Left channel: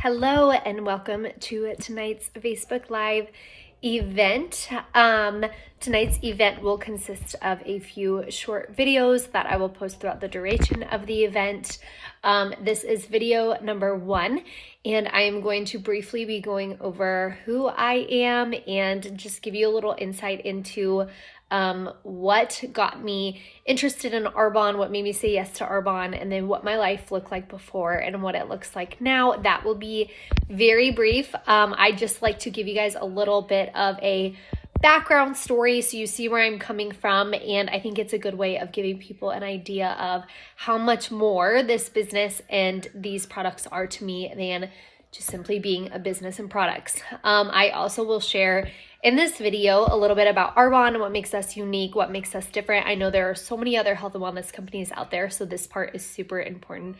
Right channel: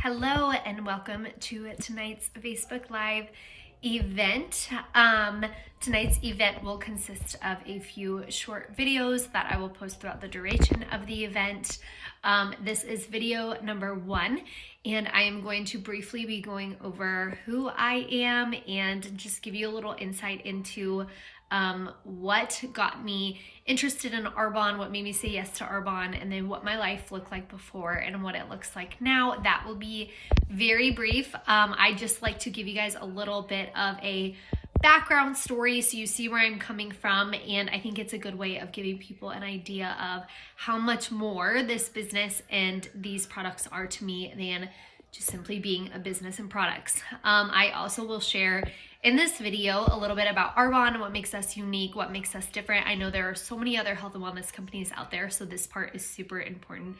Hello and welcome to tonight's Facebook Live event. Tonight's event will consist of a few short videos that I will post throughout the duration of the event. This is video number 1, and I am going to briefly be going over who I am and just give you a little insight into what got me interested in Arbonne, what made me say yes to Arbonne, and then what my life looked like before and what it looks like now. That will be very brief. I just like to give you guys a little bit of a background story so you see where I'm coming from, and I think it's a good way of giving people an idea of how much more this business and these products are to me than just simply being a business and products. I also will share in this video a little bit about Arbonne, what makes us unique, what makes us different. I know there are so many other health and wellness companies out there, so this part is super important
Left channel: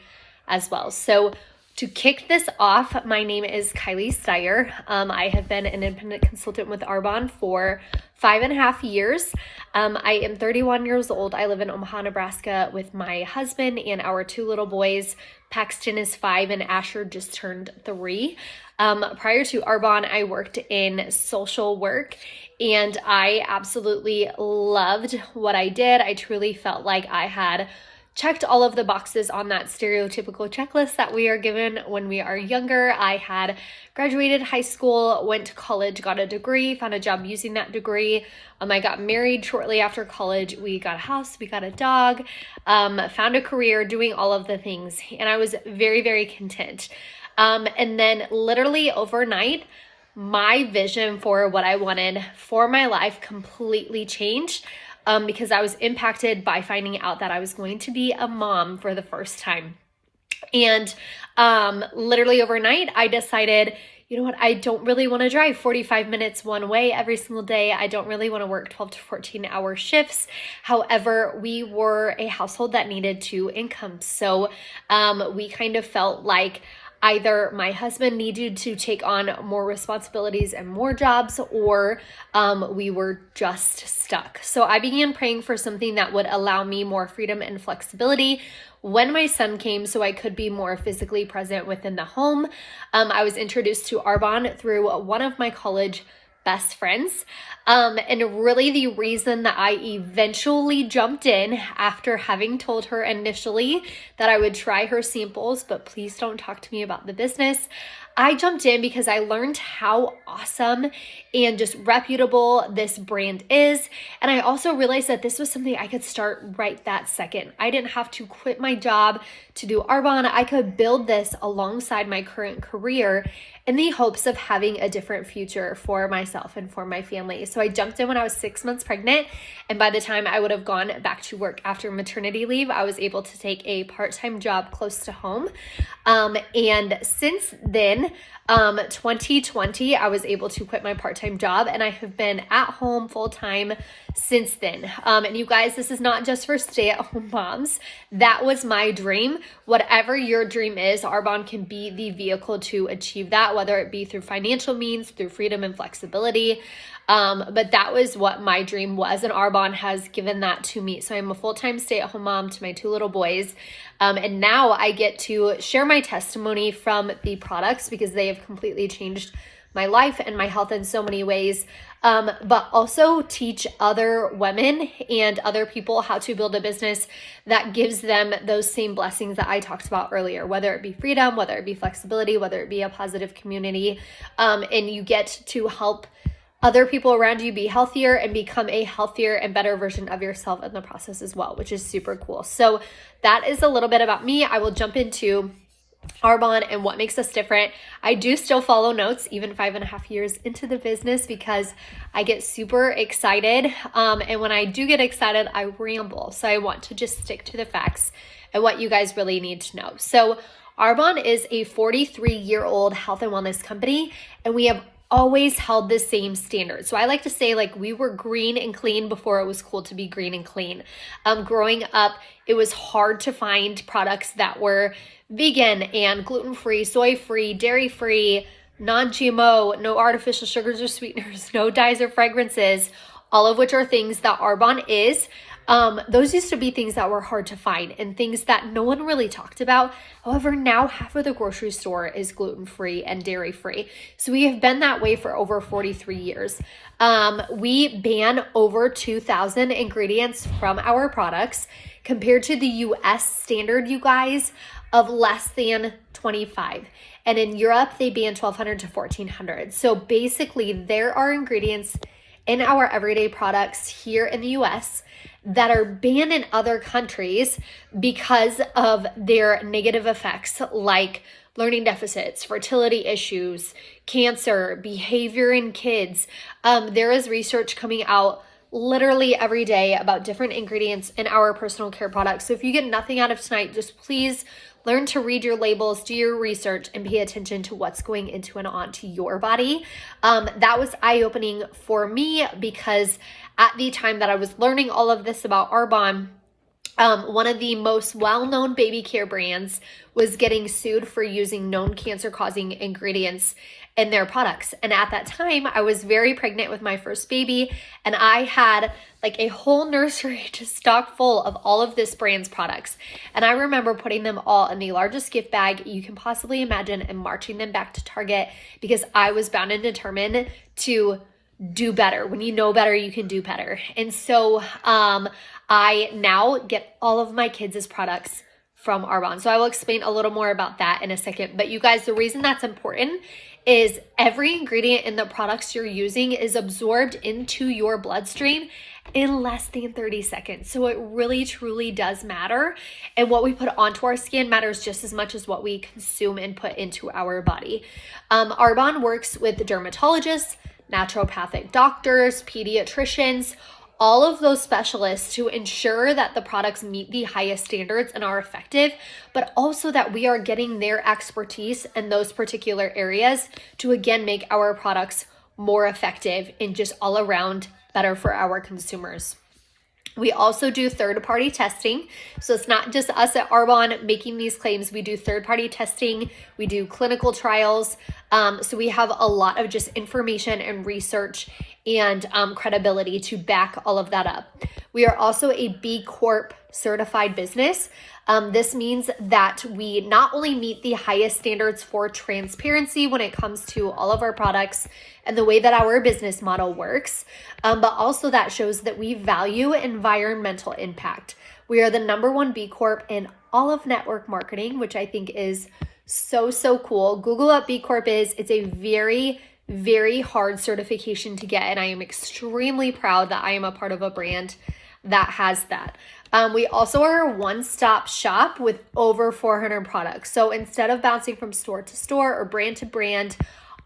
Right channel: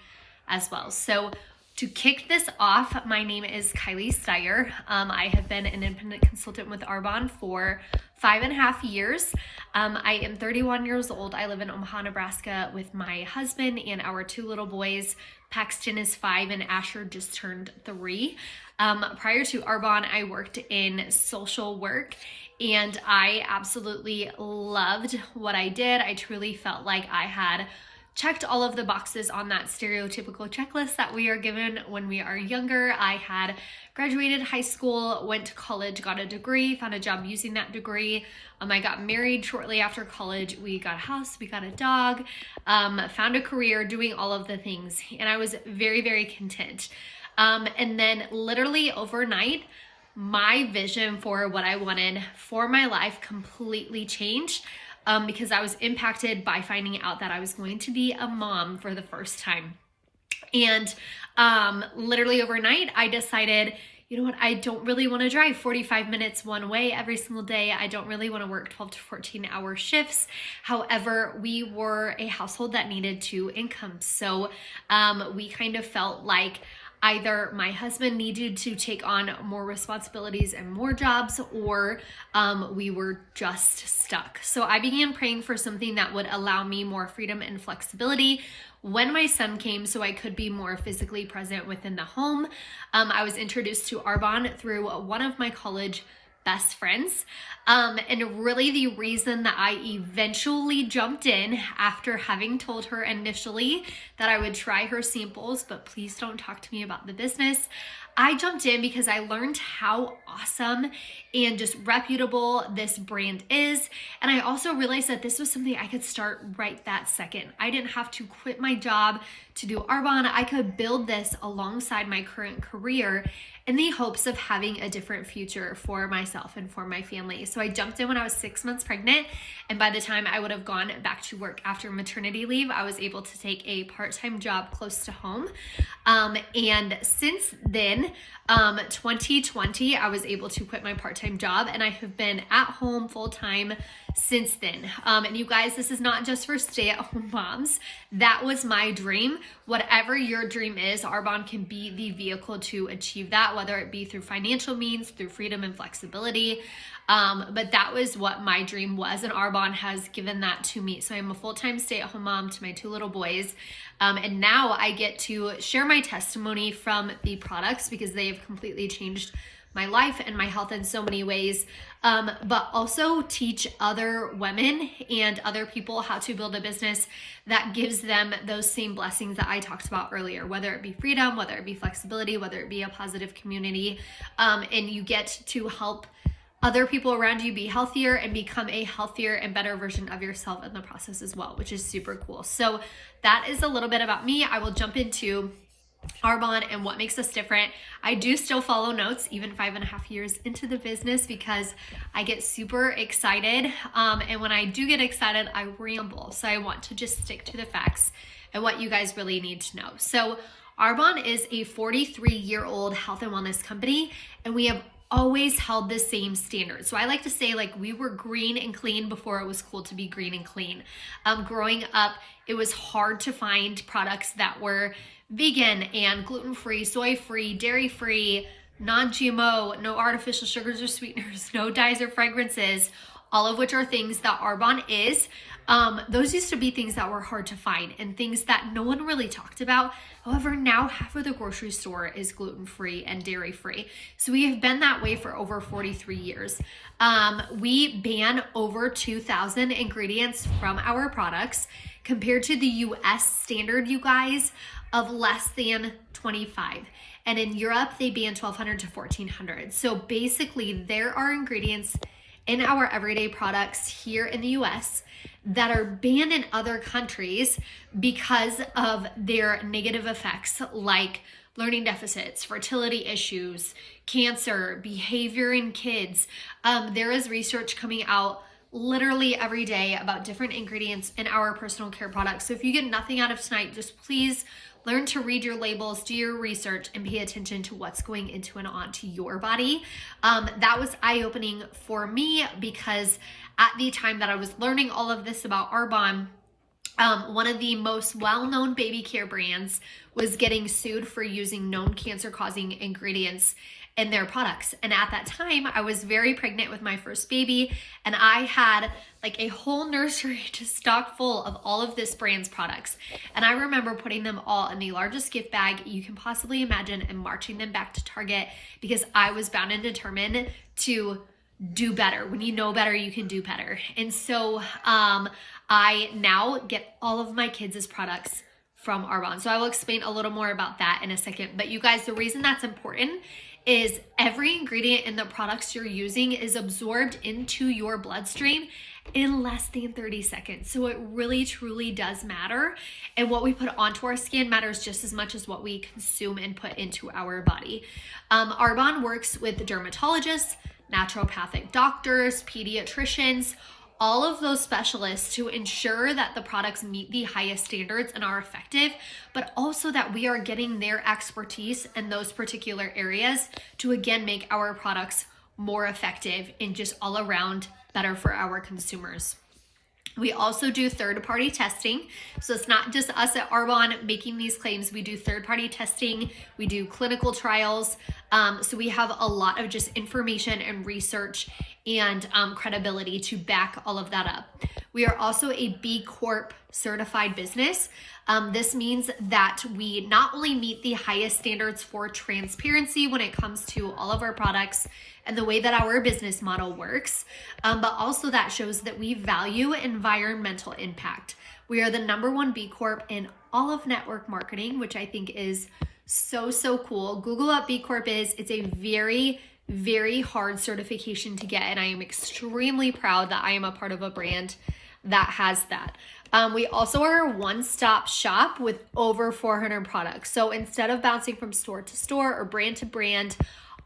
as well. So to kick this off, my name is Kylie Steyer. I have been an independent consultant with Arbonne for 5.5 years. I am 31 years old. I live in Omaha, Nebraska with my husband and our 2 little boys. Paxton is 5 and Asher just turned 3. Prior to Arbonne, I worked in social work and I absolutely loved what I did. I truly felt like I had checked all of the boxes on that stereotypical checklist that we are given when we are younger. I had graduated high school, went to college, got a degree, found a job using that degree. I got married shortly after college. We got a house, we got a dog, found a career, doing all of the things. And I was very, very content. And then literally overnight, my vision for what I wanted for my life completely changed. Because I was impacted by finding out that I was going to be a mom for the first time. And literally overnight, I decided, you know what, I don't really want to drive 45 minutes one way every single day. I don't really want to work 12 to 14-hour shifts. However, we were a household that needed 2 incomes. So we kind of felt like either my husband needed to take on more responsibilities and more jobs, or we were just stuck. So I began praying for something that would allow me more freedom and flexibility when my son came so I could be more physically present within the home. I was introduced to Arbonne through one of my college best friends. And really the reason that I eventually jumped in after having told her initially that I would try her samples, but please don't talk to me about the business. I jumped in because I learned how awesome and just reputable this brand is. And I also realized that this was something I could start right that second. I didn't have to quit my job to do Arbonne. I could build this alongside my current career in the hopes of having a different future for myself and for my family. So I jumped in when I was 6 months pregnant. And by the time I would have gone back to work after maternity leave, I was able to take a part-time job close to home. And since then, 2020, I was able to quit my part-time job and I have been at home full-time since then. And you guys, this is not just for stay-at-home moms. That was my dream. Whatever your dream is, Arbonne can be the vehicle to achieve that, whether it be through financial means, through freedom and flexibility. But that was what my dream was, and Arbonne has given that to me. So I'm a full-time stay-at-home mom to my 2 little boys. And now I get to share my testimony from the products because they have completely changed my life and my health in so many ways, but also teach other women and other people how to build a business that gives them those same blessings that I talked about earlier, whether it be freedom, whether it be flexibility, whether it be a positive community, and you get to help other people around you be healthier and become a healthier and better version of yourself in the process as well, which is super cool. So that is a little bit about me. I will jump into Arbonne and what makes us different. I do still follow notes even 5.5 years into the business because I get super excited. And when I do get excited, I ramble. So I want to just stick to the facts and what you guys really need to know. So Arbonne is a 43-year-old health and wellness company, and we have always held the same standard. So I like to say, like, we were green and clean before it was cool to be green and clean. Growing up, it was hard to find products that were vegan and gluten-free, soy-free, dairy-free, non-GMO, no artificial sugars or sweeteners, no dyes or fragrances, all of which are things that Arbonne is. Those used to be things that were hard to find and things that no one really talked about. However, now half of the grocery store is gluten-free and dairy-free. So we have been that way for over 43 years. We ban over 2,000 ingredients from our products compared to the US standard, you guys, of less than 25. And in Europe, they ban 1,200 to 1,400. So basically, there are ingredients in our everyday products here in the US that are banned in other countries because of their negative effects, like learning deficits, fertility issues, cancer, behavior in kids. There is research coming out literally every day about different ingredients in our personal care products. So if you get nothing out of tonight, just please learn to read your labels, do your research, and pay attention to what's going into and onto your body. That was eye-opening for me because at the time that I was learning all of this about Arbonne, one of the most well-known baby care brands was getting sued for using known cancer-causing ingredients in their products. And at that time, I was very pregnant with my first baby, and I had like a whole nursery just stocked full of all of this brand's products. And I remember putting them all in the largest gift bag you can possibly imagine and marching them back to Target because I was bound and determined to do better. When you know better, you can do better. And so I now get all of my kids' products from Arbonne. So I will explain a little more about that in a second. But you guys, the reason that's important is every ingredient in the products you're using is absorbed into your bloodstream in less than 30 seconds. So it really, truly does matter. And what we put onto our skin matters just as much as what we consume and put into our body. Arbonne works with dermatologists, naturopathic doctors, pediatricians, all of those specialists to ensure that the products meet the highest standards and are effective, but also that we are getting their expertise in those particular areas to again make our products more effective and just all around better for our consumers. We also do third-party testing. So it's not just us at Arbonne making these claims. We do third-party testing. We do clinical trials. So we have a lot of just information and research and credibility to back all of that up. We are also a B Corp certified business. This means that we not only meet the highest standards for transparency when it comes to all of our products and the way that our business model works, but also that shows that we value environmental impact. We are the #1 B Corp in all of network marketing, which I think is so cool. Google what B Corp is. It's a very hard certification to get, and I am extremely proud that I am a part of a brand that has that. We also are a one-stop shop with over 400 products. So instead of bouncing from store to store or brand to brand,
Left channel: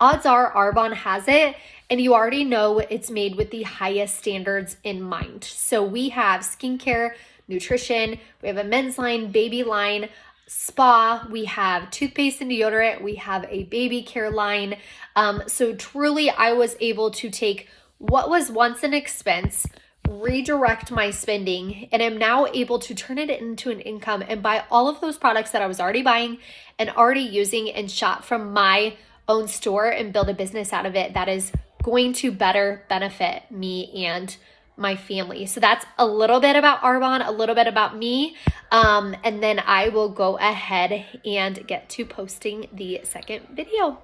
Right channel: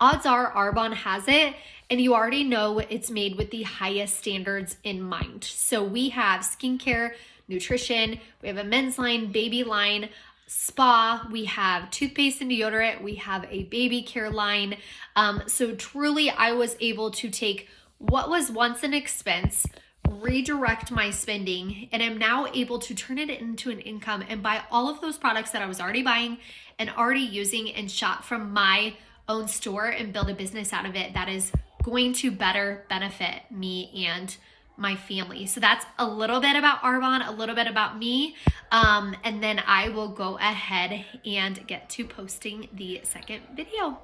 odds are Arbonne has it, and you already know it's made with the highest standards in mind. So we have skincare, nutrition, we have a men's line, baby line, spa, we have toothpaste and deodorant, we have a baby care line. So truly, I was able to take what was once an expense, redirect my spending, and am now able to turn it into an income and buy all of those products that I was already buying and already using and shop from my own store and build a business out of it that is going to better benefit me and my family. So that's a little bit about Arbonne, a little bit about me, and then I will go ahead and get to posting the second video.